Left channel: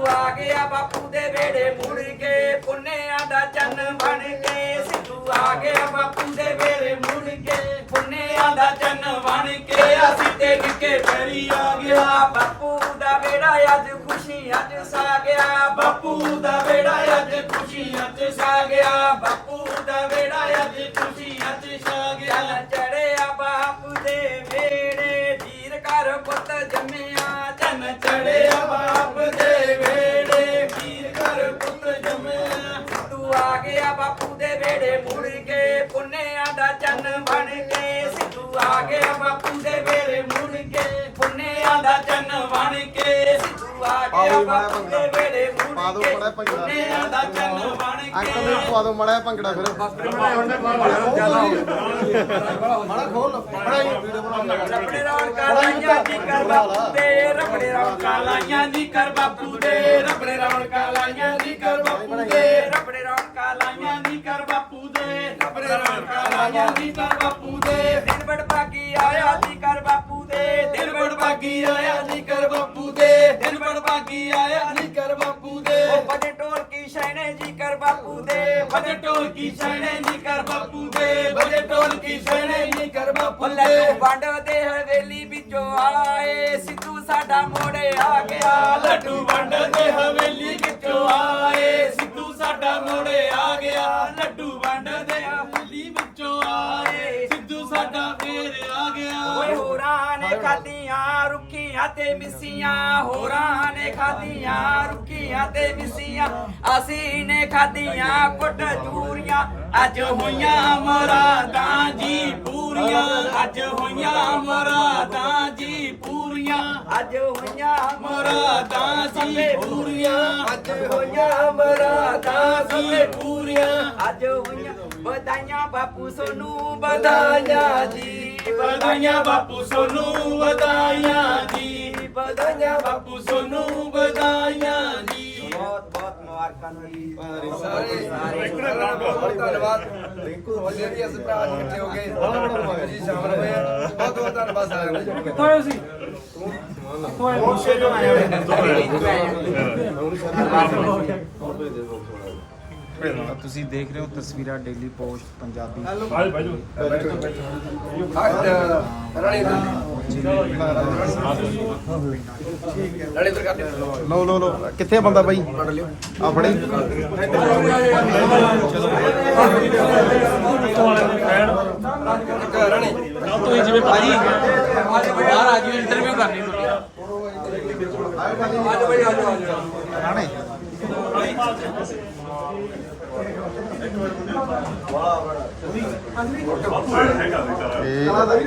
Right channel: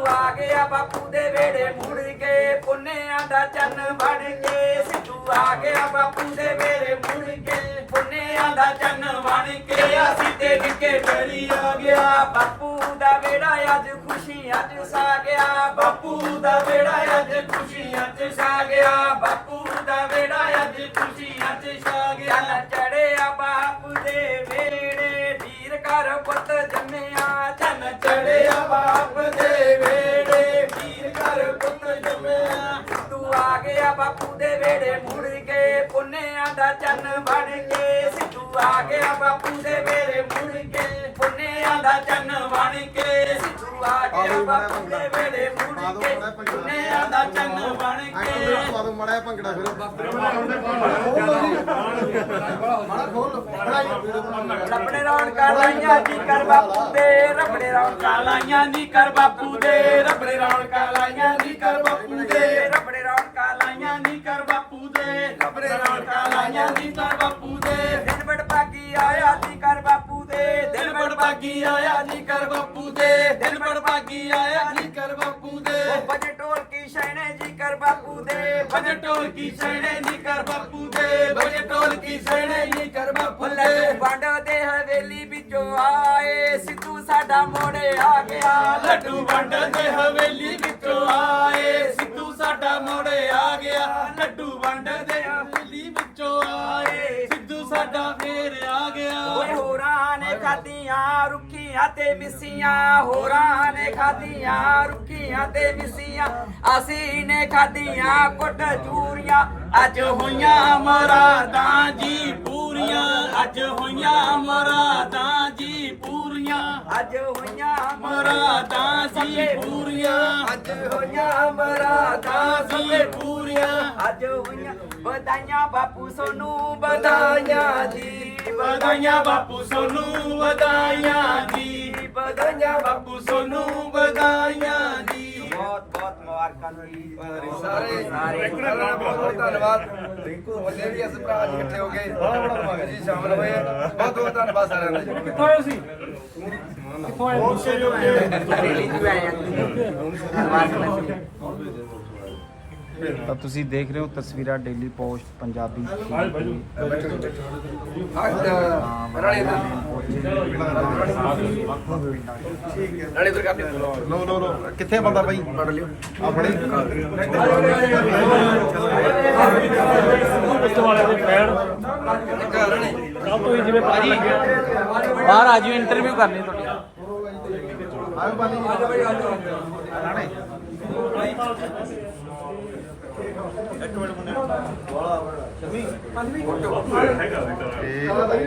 ਸਿੱਧੂ ਆ ਗਿਆ ਬਾਪੂ ਦੇ ਵੇੜੇ ਮੁੜ ਕੇ, ਪੁੰਨਿਆਂ ਦਾ ਚੰਨ ਬਣ ਕੇ। ਸਿੱਧੂ ਆ ਗਿਆ ਬਾਪੂ ਦੇ ਵੇੜੇ ਮੁੜ ਕੇ, ਪੁੰਨਿਆਂ ਦਾ ਚੰਨ ਬਣ ਕੇ। ਅਸੀਂ ਤੇ ਨਿੱਕੇ ਪੈਰੀ ਆ ਗਿਆ। ਬਾਪੂ ਦਾ ਵੇੜਾ ਅੱਜ ਖੁਸ਼ੀਆਂ ਚ ਸਾ ਗਿਆ। ਬਾਪੂ ਦਾ ਵੇੜਾ ਅੱਜ ਖੁਸ਼ੀਆਂ ਚ ਸਾ ਗਿਆ। ਬਾਪੂ ਦਾ ਵੇੜਾ ਅੱਜ ਖੁਸ਼ੀਆਂ ਚ ਛਾ ਗਿਆ। ਚੜਿਆ ਬਾਪੂ ਦੇ ਵੇੜੇ ਵੀਰ ਕਰ ਪੁੱਤ ਜੰਮਿਆ। ਚੰਨ ਚੜਿਆ ਬਾਪ ਦੇ ਦਾ ਚੰਨ ਬਣ ਕੇ ਸਿੱਧੂ ਆ ਗਿਆ ਬਾਪੂ ਦੇ ਵੇੜੇ ਪਾ ਮੁੜ ਦਿਓ ਕੇ ਮਾੜਾ ਭੰਗੜਾ। ਪੁੰਨਿਆਂ ਦਾ ਚੰਨ ਬਣ ਅੰਕਲ ਕੇ। ਨੂੰ ਪਵਾ ਦਿਓ ਮੜਾ ਭੰਗੜਾ ਫਿਰ। ਮੜਾ ਖੋਲ ਵੀਡੀਓ ਬਣਾ ਰਬੜੇ ਰੌਣਕਾਂ ਲਾਈਆਂ ਜੀ ਕਰ ਬਾਪੂ ਦੇ ਰਬੜੇ ਰੌਣਕਾਂ ਲਾਈਆਂ ਜੀ ਕਰ ਬਾਪੂ ਦੇ ਰਬੜੇ ਰੌਣਕਾਂ ਲਾਈਆਂ ਜੀ ਕਰ ਬਾਪੂ ਦੇ ਰਬੜੇ ਰੌਣਕਾਂ ਲਾਈਆਂ ਜੀ ਕਰ ਬਾਪੂ ਦੇ ਰਬੜੇ ਰੌਣਕਾਂ ਲਾਈਆਂ ਜੀ ਕਰ ਬਾਪੂ ਦੇ। ਦਿਨ ਬੜ ਭਾਗੀ ਆਇਆ ਜੀ ਕਰ ਬਾਪੂ ਦੇ। ਦਿਨ ਬੜ ਭਾਗੀ ਆਇਆ ਜੀ ਕਰ ਬਾਪੂ ਦੇ। ਉਹ ਢੋਲ ਕੀ ਸ਼ੈਣੇ ਜੀ ਕਰ ਬਾਪੂ ਦੇ। ਭਜਨ ਢੋਲ ਕੀ ਸ਼ੈਣੇ ਜੀ ਕਰ ਬਾਪੂ ਦੇ। ਭਜਨ ਢੋਲ ਕੀ ਸ਼ੈਣੇ ਜੀ ਕਰ ਬਾਪੂ ਦੇ। ਲੱਡੂ ਵੰਡ ਦੇ ਹਵੇਲੀ ਵਿੱਚੋਂ ਆਏ। ਸਿੱਧੂ ਸਾਡਾ ਮੋੜੇ ਆ ਗਿਆ। ਲੱਡੂ ਵੰਡ ਦੇ ਹਵੇਲੀ ਵਿੱਚੋਂ ਆਏ। ਸਿੱਧੂ ਸਾਡਾ ਮੋੜੇ ਆ ਗਿਆ। ਲੱਡੂ ਵੰਡ ਦੇ ਖਾਧੀਆਂ, ਰੁੱਖੀਆਂ ਤੇ ਮਿੱਸੀਆਂ, ਹੋਰਾਂ ਨੇ ਖਾਧੀਆਂ, ਰੁੱਖੀਆਂ ਤੇ ਮਿੱਸੀਆਂ। ਅਸੀਂ ਨੇ ਖਾਧੀਆਂ ਕੁੱਟ ਚੂਰੀਆਂ ਅੱਜ ਹੋਈਆਂ ਮਰਾਦਾਂ ਜੀ ਪੂਰੀਆਂ। ਅੱਜ ਹੋਈਆਂ ਮਰਾਦਾਂ ਜੀ ਪੂਰੀਆਂ ਅੱਜ ਹੋਈਆਂ ਮਰਾਦਾਂ ਜੀ ਪੂਰੀਆਂ। ਅੱਜ ਹੋਈਆਂ ਮਰਾਦਾਂ ਜੀ ਪੂਰੀਆਂ। ਅੱਜ ਹੋਈਆਂ ਵਧਾਈਆਂ ਬਾਪੂ ਸੋਨੂੰ ਵਧਾਈਆਂ ਜੀ ਵਧਾਈਆਂ ਬਾਪੂ ਸੋਨੂੰ ਵਧਾਈਆਂ ਜੀ। ਵਧਾਈਆਂ ਬਾਪੂ ਸੋਨੂੰ ਵਧਾਈਆਂ ਜੀ। ਬਹੁਤ ਬਹੁਤ ਮੁਬਾਰਕਾਂ ਜੀ। ਸਾਰੇ ਸਾਰੇ ਬਹੁਤ ਬਹੁਤ ਧੰਨਵਾਦ। ਰਿੰਕੂ ਬੰਦੇ ਵੀ ਇਸ ਭਰਾ ਅੱਜ ਇਕੱਠੇ ਹੋ ਗਏ। ਜੀ ਸ਼ਾਮਲ ਹੋਏ। ਬਹੁਤ ਬਹੁਤ ਧੰਨਵਾਦ ਸਾਰਿਆਂ ਦਾ ਜੀ ਕਿੱਥੋਂ ਸੀ ਤੁਸੀਂ ਦੇਖ ਰਹੇ ਹੋ ਤਸਵੀਰਾਂ ਡੇਲੀ ਪੋਸਟ ਪੰਜਾਬੀ ਅੱਜ ਰਾਣੀ ਇੱਧਰ। ਰਾਣੀ ਇੱਧਰ ਕਰ ਦੇ ਲੋ ਲੋ ਲੋ ਕਿੱਥੇ ਆ ਬੰਦਾ ਬਾਈ? ਫੜ ਲਿਓ। ਆ ਫੜੇ ਇੱਕ ਰਾਣੀ। ਤੁਸੀਂ ਜਿਵੇਂ ਭਾਜੀ ਬਾਹਰ ਆ ਜਿਓ ਇੰਟਰਵਿਊ ਕਰਨੀ ਤੁਹਾਡੀ। ਰਾਣੇ। ਹੈਗਾ ਵਿਕਾਰ